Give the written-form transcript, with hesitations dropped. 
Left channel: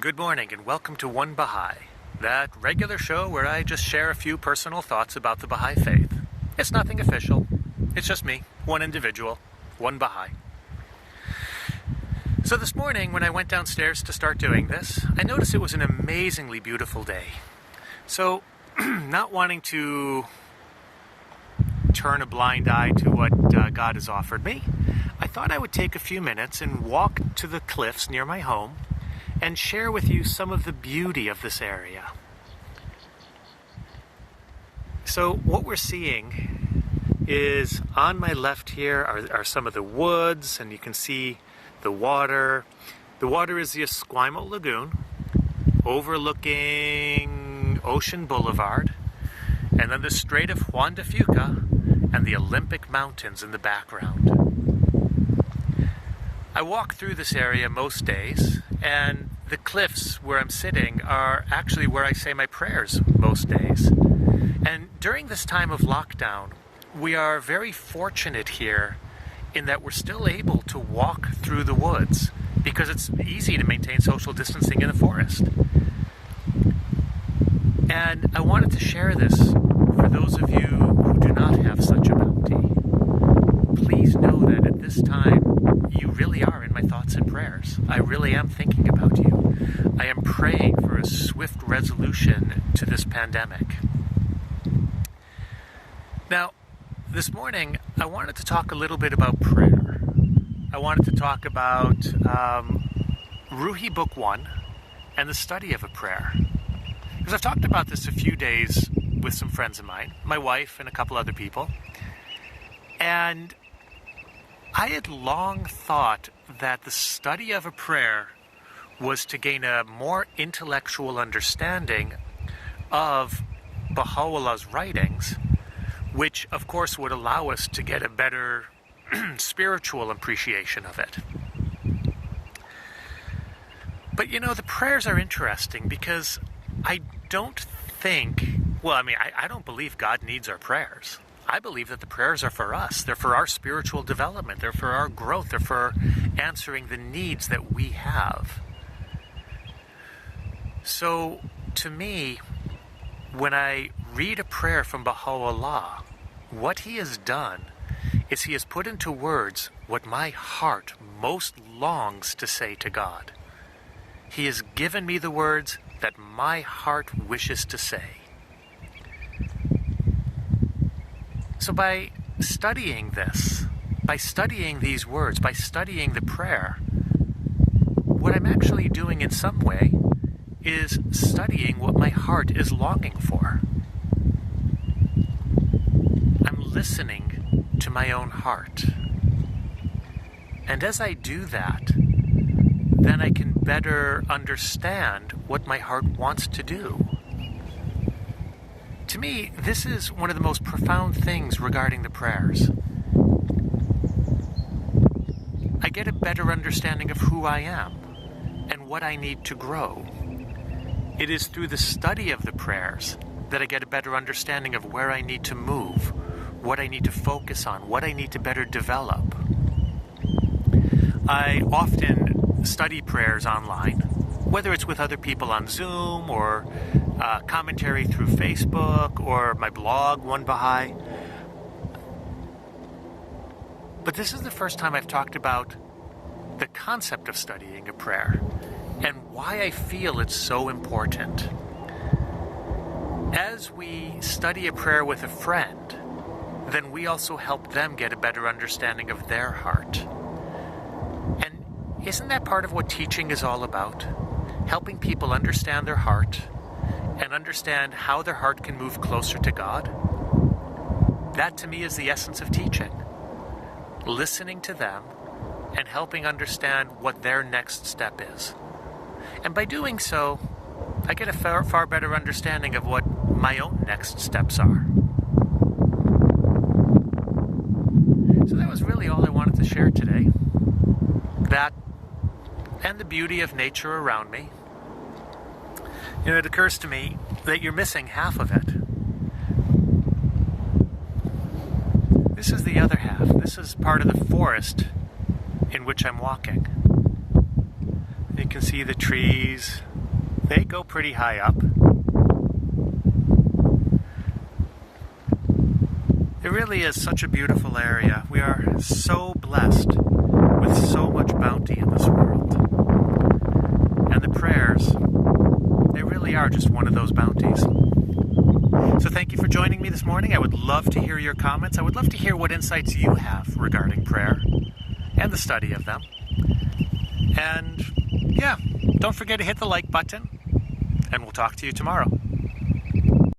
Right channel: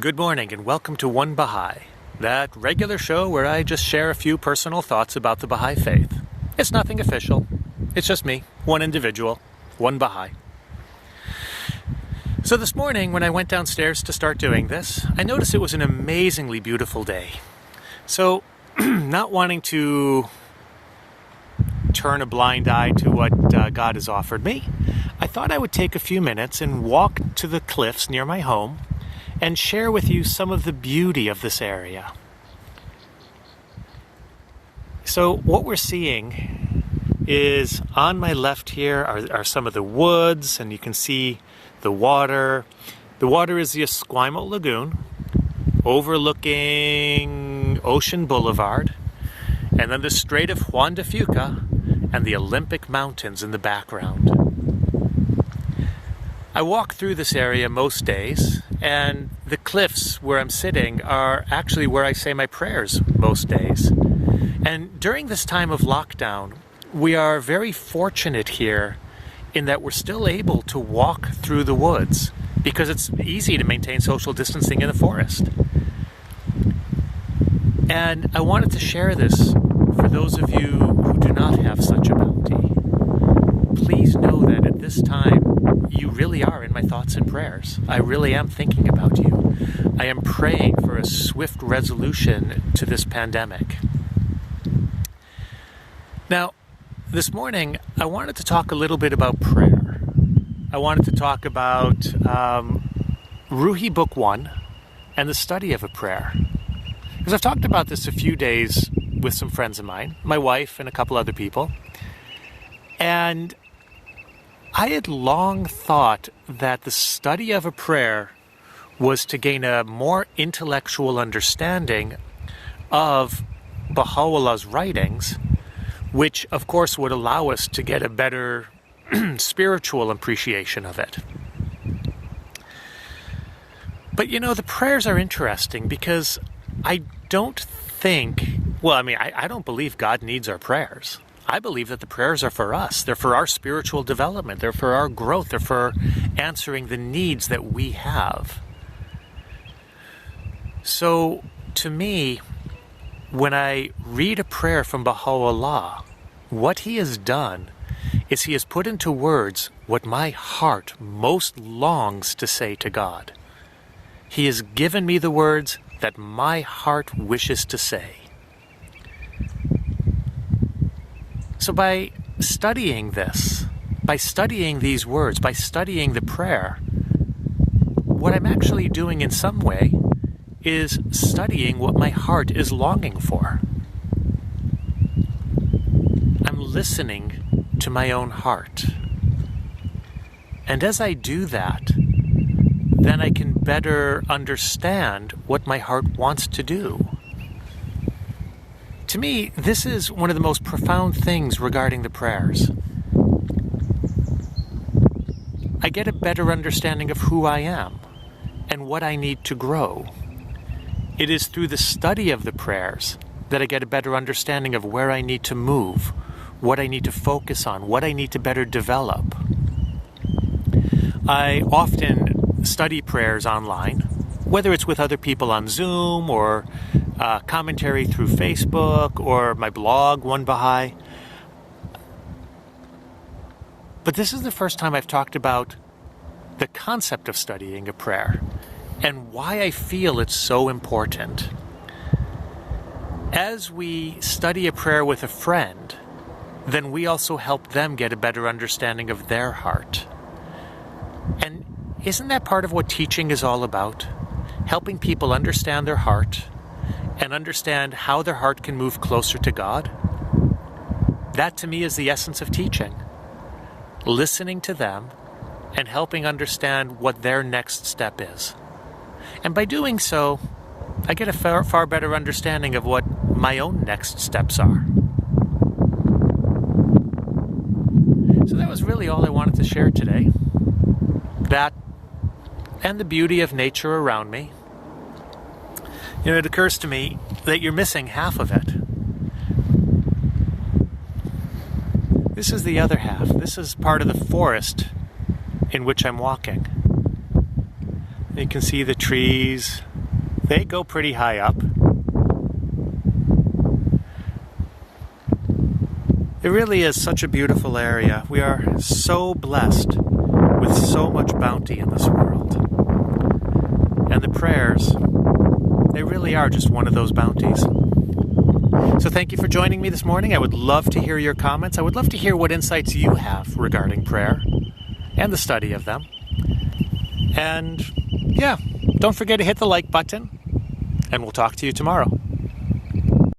Good morning and welcome to One Baha'i, that regular show where I just share a few personal thoughts about the Baha'i faith. It's nothing official. It's just me, one individual, one Baha'i. So this morning when I went downstairs to start doing this, I noticed it was an amazingly beautiful day. So not wanting to turn a blind eye to what God has offered me, I thought I would take a few minutes and walk to the cliffs near my home and share with you some of the beauty of this area. So what we're seeing is on my left here are some of the woods, and you can see the water. The water is the Esquimalt Lagoon overlooking Ocean Boulevard, and then the Strait of Juan de Fuca and the Olympic Mountains in the background. I walk through this area most days, and the cliffs where I'm sitting are actually where I say my prayers most days. And during this time of lockdown, we are very fortunate here in that we're still able to walk through the woods because it's easy to maintain social distancing in the forest. And I wanted to share this for those of you who do not have such a bounty. Please know that at this time, you really are in my thoughts and prayers. I really am thinking about you. I am praying for a swift resolution to this pandemic. Now, this morning, I wanted to talk a little bit about prayer. I wanted to talk about Ruhi Book 1 and the study of a prayer. Because I've talked about this a few days with some friends of mine, my wife and a couple other people. And I had long thought that the study of a prayer was to gain a more intellectual understanding of Baha'u'llah's writings, which of course would allow us to get a better spiritual appreciation of it. But you know, the prayers are interesting because I don't think, I don't believe God needs our prayers. I believe that the prayers are for us. They're for our spiritual development. They're for our growth. They're for answering the needs that we have. So, to me, when I read a prayer from Baha'u'llah, what he has done is he has put into words what my heart most longs to say to God. He has given me the words that my heart wishes to say. So by studying this, by studying these words, by studying the prayer, what I'm actually doing in some way is studying what my heart is longing for. I'm listening to my own heart. And as I do that, then I can better understand what my heart wants to do. To me, this is one of the most profound things regarding the prayers. I get a better understanding of who I am and what I need to grow. It is through the study of the prayers that I get a better understanding of where I need to move, what I need to focus on, what I need to better develop. I often study prayers online, whether it's with other people on Zoom or commentary through Facebook or my blog, One Baha'i. But this is the first time I've talked about the concept of studying a prayer and why I feel it's so important. As we study a prayer with a friend, then we also help them get a better understanding of their heart. And isn't that part of what teaching is all about? Helping people understand their heart and understand how their heart can move closer to God? That to me is the essence of teaching. Listening to them and helping understand what their next step is. And by doing so, I get a far better understanding of what my own next steps are. So that was really all I wanted to share today. That and the beauty of nature around me. You know, it occurs to me that you're missing half of it. This is the other half. This is part of the forest in which I'm walking. You can see the trees. They go pretty high up. It really is such a beautiful area. We are so blessed with so much bounty in this world. And the prayers, they really are just one of those bounties. So thank you for joining me this morning. I would love to hear your comments. I would love to hear what insights you have regarding prayer and the study of them. And yeah, don't forget to hit the like button, and we'll talk to you tomorrow.